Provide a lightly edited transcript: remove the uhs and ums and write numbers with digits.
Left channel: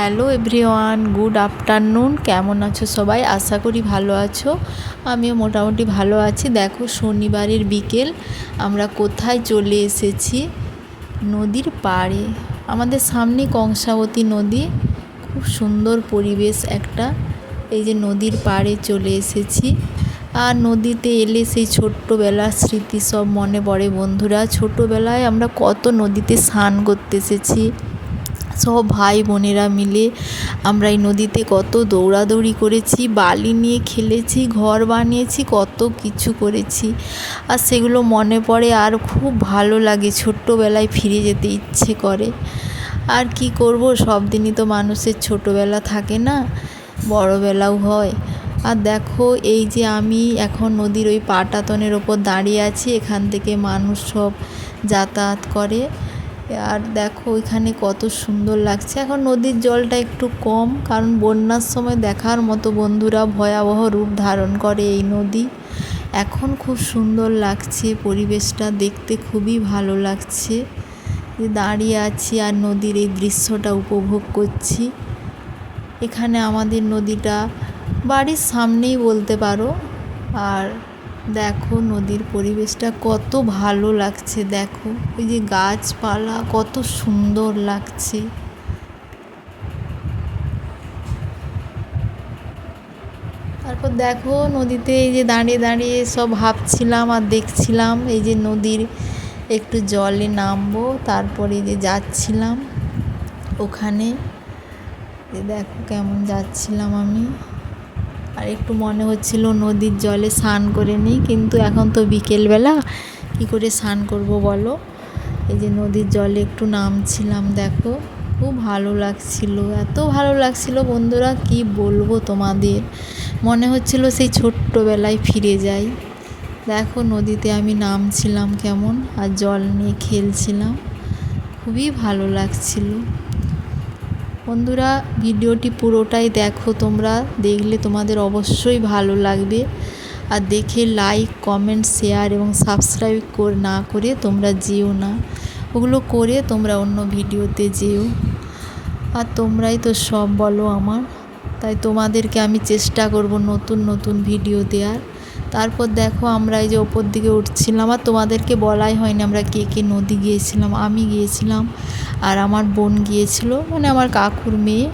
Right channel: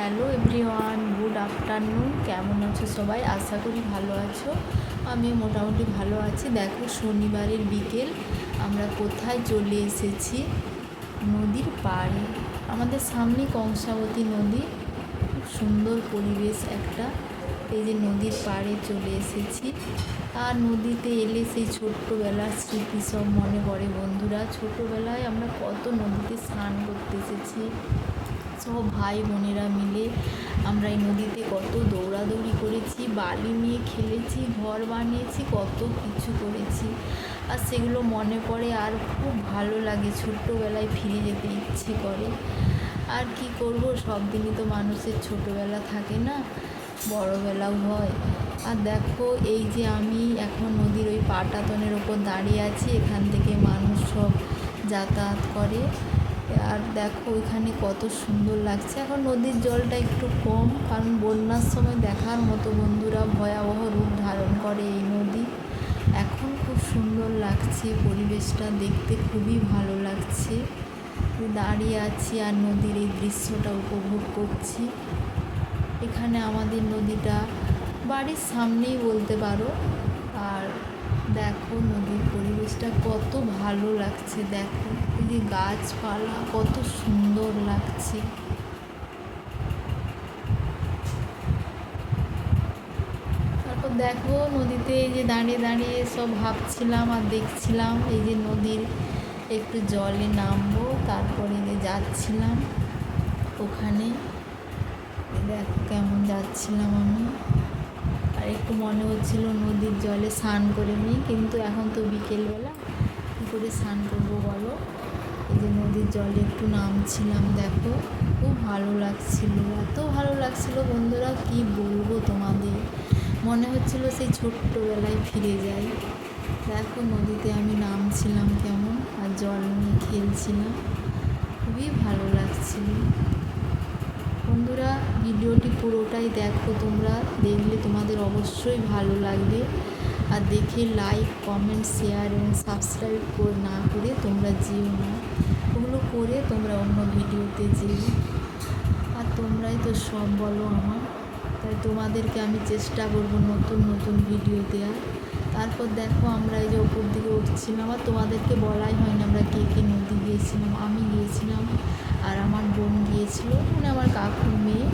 Hello everyone, good afternoon. কেমন আছো সবাই? আশা করি ভালো আছো। আমিও মোটামুটি ভালো আছি। দেখো, শনিবারের বিকেল আমরা কোথায় চলে এসেছি? নদীর পাড়ে। আমাদের সামনে কংসাবতী নদী, খুব সুন্দর পরিবেশ একটা। এই যে নদীর পাড়ে চলে এসেছি। আর নদীতে এলে সেই ছোট্টবেলার স্মৃতি সব মনে পড়ে বন্ধুরা। ছোটোবেলায় আমরা কত নদীতে স্নান করতে এসেছি, সব ভাই বোনেরা মিলে আমরা এই নদীতে কত দৌড়াদৌড়ি করেছি, বালি নিয়ে খেলেছি, ঘর বানিয়েছি, কত কিছু করেছি। আর সেগুলো মনে পড়ে আর খুব ভালো লাগে। ছোট্টবেলায় ফিরে যেতে ইচ্ছে করে। আর কি করব, সব দিনই তো মানুষের ছোটোবেলা থাকে না, বড়োবেলাও হয়। আর দেখো, এই যে আমি এখন নদীর ওই পাটাতনের ওপর দাঁড়িয়ে আছি। এখান থেকে মানুষ সব যাতায়াত করে। আর দেখো এখানে কত সুন্দর লাগছে। এখন নদীর জলটা একটু কম, কারণ বন্যার সময় দেখার মতো বন্ধুরা ভয়াবহ রূপ ধারণ করে এই নদী। এখন খুব সুন্দর লাগছে, পরিবেশটা দেখতে খুবই ভালো লাগছে। দাঁড়িয়ে আছি আর নদীর এই দৃশ্যটা উপভোগ করছি। এখানে আমাদের নদীটা বাড়ির সামনেই বলতে পারো। আর দেখো নদীর পরিবেশটা কত ভালো লাগছে। দেখো ওই যে গাছপালা কত সুন্দর লাগছে। তারপর দেখো নদীতে এই যে দাঁড়িয়ে দাঁড়িয়ে সব ভাবছিলাম আর দেখছিলাম, এই যে নদীর একটু জলে নামবো, তারপরে যে যাচ্ছিলাম ওখানে। দেখো কেমন যাচ্ছিলাম আমি। আর একটু মনে হচ্ছিল নদীর জলে স্নান করে নিই, কিন্তু এখন তো বিকেলবেলা, কী করে স্নান করব বলো। এই যে নদীর জলে একটু নামছিলাম। দেখো খুব ভালো লাগছিল, এত ভালো লাগছিল বন্ধুরা, কি বলবো তোমাদের। মনে হচ্ছিল সেই ছোট্টবেলায় ফিরে যাই। দেখো নদীতে আমি নামছিলাম কেমন, আর জল নিয়ে খেলছিলাম, খুবই ভালো লাগছিল। বন্ধুরা ভিডিওটি পুরোটাই দেখো, তোমরা দেখলে তোমাদের অবশ্যই ভালো লাগবে। আর দেখে লাইক, কমেন্ট, শেয়ার এবং সাবস্ক্রাইব না করে তোমরা যেও না। ওগুলো করে তোমরা অন্য ভিডিওতে যেও। আর তোমরাই তো সব বলো আমার, তাই তোমাদেরকে আমি চেষ্টা করব নতুন নতুন ভিডিও দেওয়ার। তারপর দেখো আমরা এই যে ওপর দিকে উঠছিলাম, আর তোমাদেরকে বলাই হয়নি আমরা কে কে নদী গিয়েছিলাম। আমি গিয়েছিলাম আর আমার বোন গিয়েছিল, মানে আমার কাকুর মেয়ে।